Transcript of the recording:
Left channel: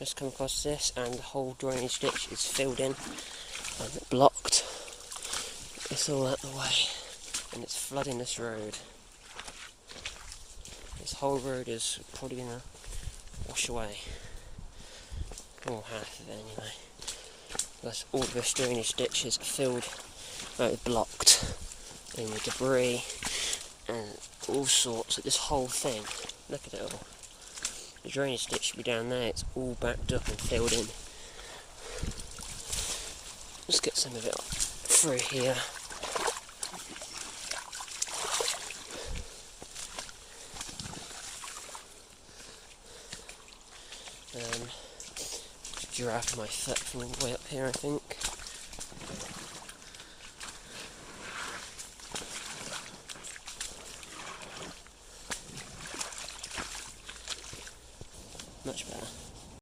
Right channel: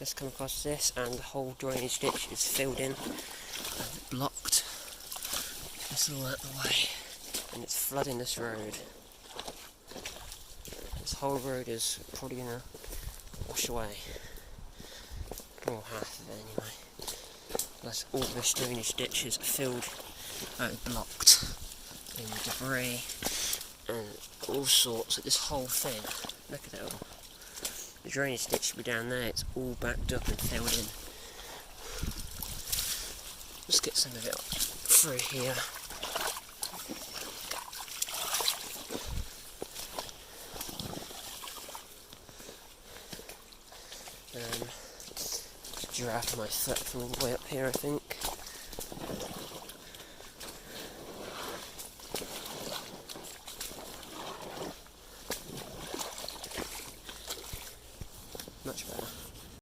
just come across this, and the whole drainage ditch is filled in and blocked. It's all out the way, and it's flooding this road. This whole road is probably going to wash away. Or half of it anyway. That's all this drainage ditch is filled, blocked in with debris and all sorts of this whole thing. Look at it all. The drainage ditch should be down there, it's all backed up and filled in. Let's get some of it through here. Giraffe my foot from all the way up here, I think.